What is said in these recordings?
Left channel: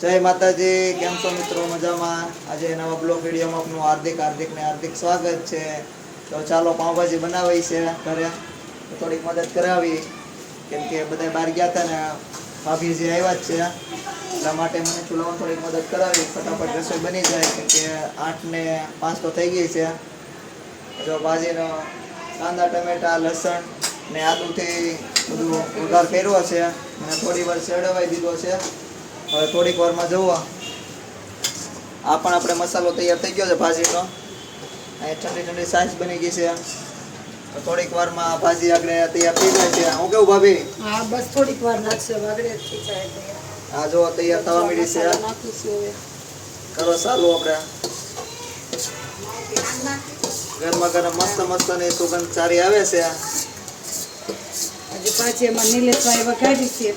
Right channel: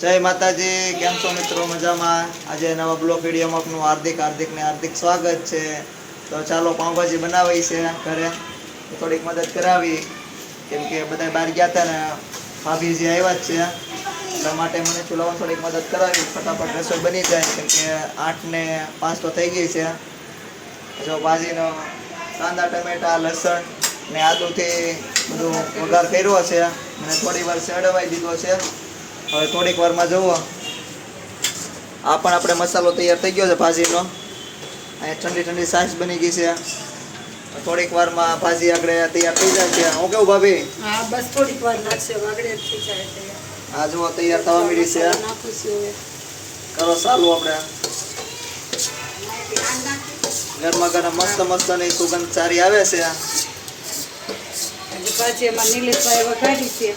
જય માતાજી, કેમ છો મિત્રો? મજામાં? આજે નવા બ્લોગ વિડીયોમાં આપનું હાર્દિક સ્વાગત છે. તો ચાલો પાઉંભાજી બનાવી છે ઘરે, થોડીક મદદ કરાવી, કેમ કે બધા બહાર ગયા હતા ને ભાભીજી આવ્યા જ છે, એટલા માટે મને ચૂલામાં થોડીક મદદ કરાવી, ફટાફટ રસોઈ બની જાય, કેમ કે 8:05 તો થઈ ગઈ છે. જો ભાજીનો કાંદા ટમેટા લસણ ને આદુથી બધું વઘાર કર્યો છે અને થોડી વાર ચડવાઈ દીધો છે. હવે થોડીક વારમાં જુઓ આ પણ આપણે મસાલો તૈયાર થઈ ગયો છે ભાજીનો, અને ઠંડી ઠંડી છાશ બની ગઈ છે. થોડીક વારમાં ભાજી આપણે તૈયાર થઈ જાય છે. હું કેવું ભાભી? હા, બસ થોડીક વાર લાગશે, વાગડે થઈ જાય તૈયાર. હા, જો તૈયાર થવા મળી છે. નાખું છું હવે. કરો ચાલુ. આપણે ગરમા ગરમ મસ્ત ની સુગંધ સારી આવે છે. હજી પાછી એમાં નીલેશભાઈ વઘારી છે.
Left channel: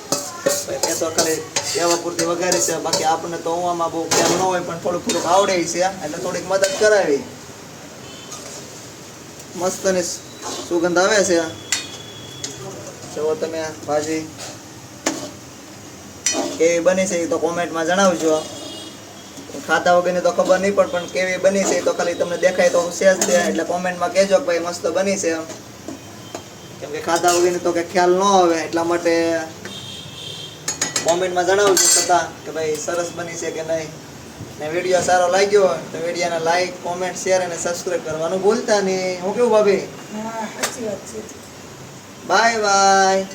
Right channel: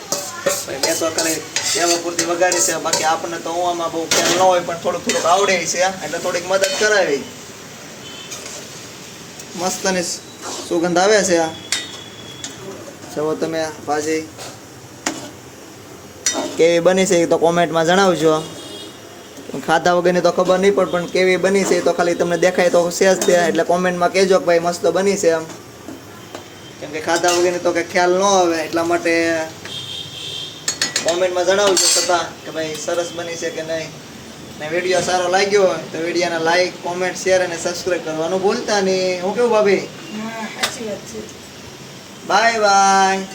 મેં તો ખાલી એવા પૂરતી વઘારી છે, બાકી આપણને તો આમાં બહુ ખ્યાલ ન હોય, પણ થોડુંક આવડે છે, એટલે થોડીક મદદ કરાવી. મસ્તની સુગંધ આવે છે. જો તમે ભાજી કેવી બની છે એ તો કોમેન્ટમાં જણાવજો. ખાધા વગરની તો ખબર નહીં પડે, પણ કેવી બની છે એ તો ખાલી તમને દેખાય તો શેષ છે, એટલે કોમેન્ટમાં કહેજો કે ભાઈ મસ્ત બની છે એમ. કેમ કે ખાધા વગરની તો કંઈ ખ્યાલ ન આવે, એટલા માટે કોમેન્ટમાં જણાવજો છતાં કે ભાઈ સરસ બની છે કે નહીં. ને વિડીયો સારો લાગ્યો હોય તો વિડીયોને લાઈક, કોમેન્ટ, શેર અને સબસ્ક્રાઈબ કરવાનું ભૂલતા નહીં. હું કેવું ભાભી? હા, સાચી વાત છે. Bye bye.